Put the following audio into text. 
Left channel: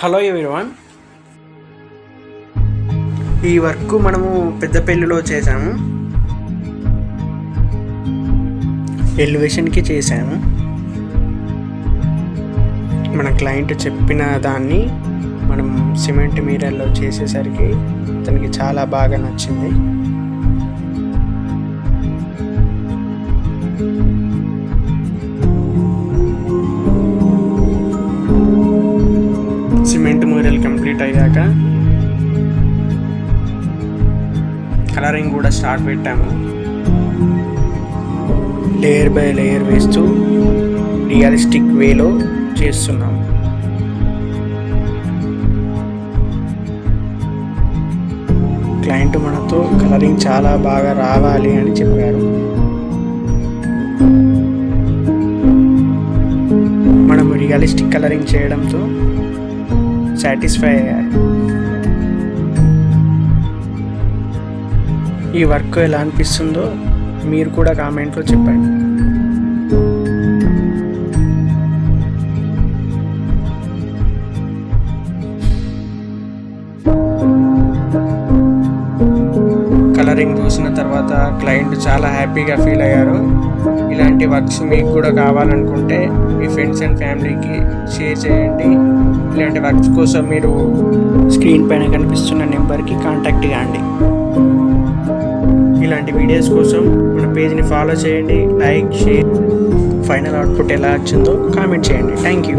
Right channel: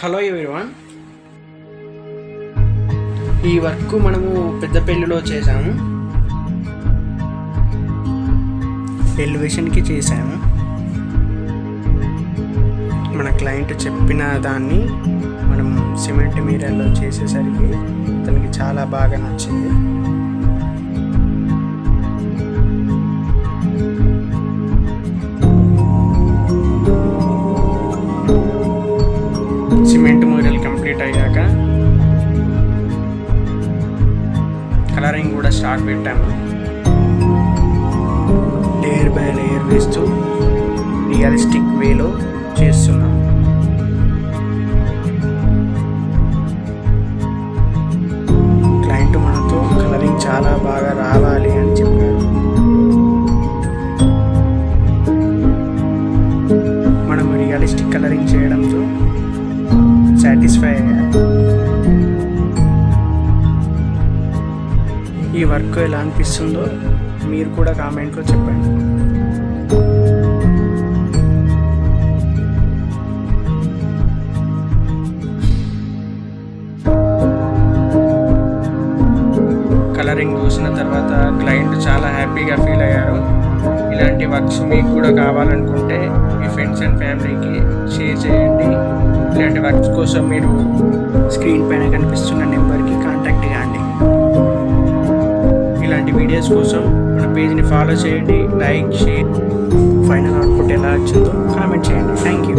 Hello everyone, ఈ work మనము పెద్దపల్లిలో చేసాము. ఎలివేషన్కి చేసాము. మన క్లయింట్ చెప్పిన దాన్ని మనం సిమెంట్ మీరల్లో చేసేసరికి అతనికి చాలా బాగా నచ్చింది. సిమెంట్ మ్యూరల్ కంప్లీట్ అయ్యాక కలరింగ్ కూడా స్టార్ట్ పెట్టాము. లేయర్ బై లేయర్ వేస్తూ రియలిస్టిక్ వేలో చేస్తున్నాం. క్లయింట్ మనతో కలరింగ్ చాలా బాగా రావాలి అని చెప్పారు. మనం రియలిస్టిక్ కలరింగ్ చేయడంతో సాటిస్ఫై అయ్యారు. ఈ వర్క్ ఎలా అనిపిస్తుందో మీరు కూడా కామెంట్లో చెప్పండి. కలరింగ్ చూసిన తర్వాత క్లయింట్ చాలా హ్యాపీగా ఫీల్ అయ్యారు. ఇలాంటి వర్క్స్ మీకు కూడా కావాలనుకుంటే మీ ఫ్రెండ్స్ అండ్ ఫ్యామిలీకి షేర్ చేయండి. ఇలాంటి వర్క్స్ కోసం మీరు స్క్రీన్ పైన కనిపిస్తున్న నెంబర్కి కాంటాక్ట్ కాండి. ఇలాంటి వీడియోస్ కోసం మన పేజ్ని ఫాలో చేయండి, లైక్, షేర్. ఫైనల్ అవుట్పుట్ ఎలా వచ్చిందో కామెంట్ చేయండి. Thank you.